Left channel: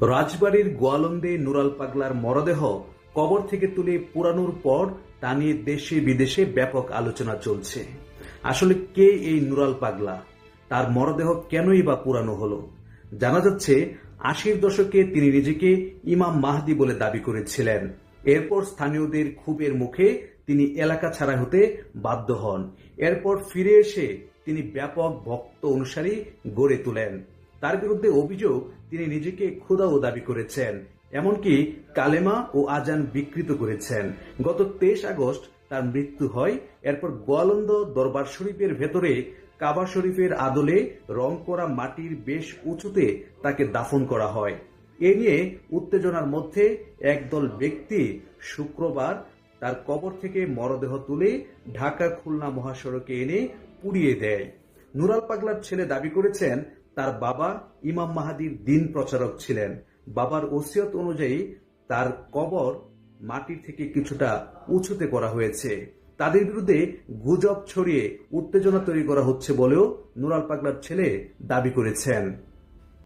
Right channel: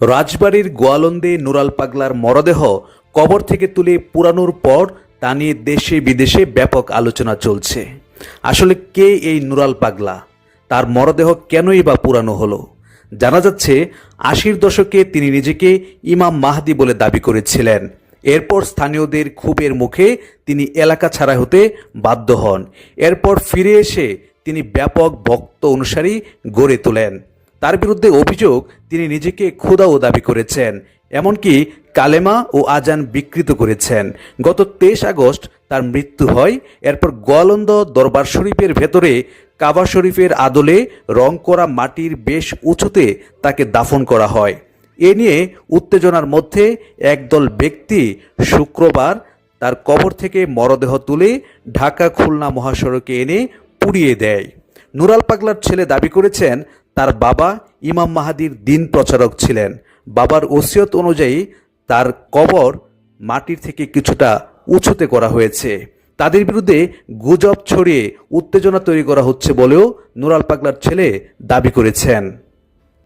রাজবাড়ির গোয়ালন্দে নুরাল পাগলার মরদেহ কবর থেকে তুলে পুরানোর পর তা নিয়ে দেশে বিদেশে ব্যাপক আলোচনা চলছে। আসলে কে এই নুরাল পাগলা? তার মরদেহ কেনই বা পুরানো হলো? জানা যাচ্ছে, আশির দশকে তিনি নিজেকে ইমাম মাহদি বলে দাবি করেছিলেন। এরপর স্থানীয়দের ক্ষোভের মুখে তিনি এলাকা ছাড়া হতে বাধ্য হন। এরপর ফিরে এসে তিনি ব্যাপক ভক্ত অনুসারী গড়ে তোলেন। তার বিরুদ্ধে অভিযোগ তিনি নিজেকে খোদাও দাবি করেছেন, এমনকি কালেমা ও আজান বিকৃত করেছেন। গত তেইশ আগস্ট তার মৃত্যু হয়, এরপর গোয়ালন্দ দরবার শরীফের ভেতরে কাবা শরীফের আদলে রং করা মাটির বেশ উঁচুতে তাকে দাফন করা হয়। এ নিয়ে উত্তেজনার মধ্যে একদল ব্যক্তি শুক্রবার তার কবর থেকে মরদেহ তুলে ঢাকা খুলনা মহাসড়কে এনে পুড়িয়ে দেয়। নুরাল পাগলার ছেলে দাবি করেছেন তার বাবা ইমাম মাহাদির দিন প্রচারক ছিলেন। বাবার ওসিয়ত অনুযায়ী তার কবর মাটির থেকে কিছুটা উঁচুতে করা হয়েছে। তাদের বিরুদ্ধে গুজব ছড়িয়ে উত্তেজনা তৈরি করা হচ্ছে বলেও নুরাল পাগলার ছেলে দাবি করেছেন।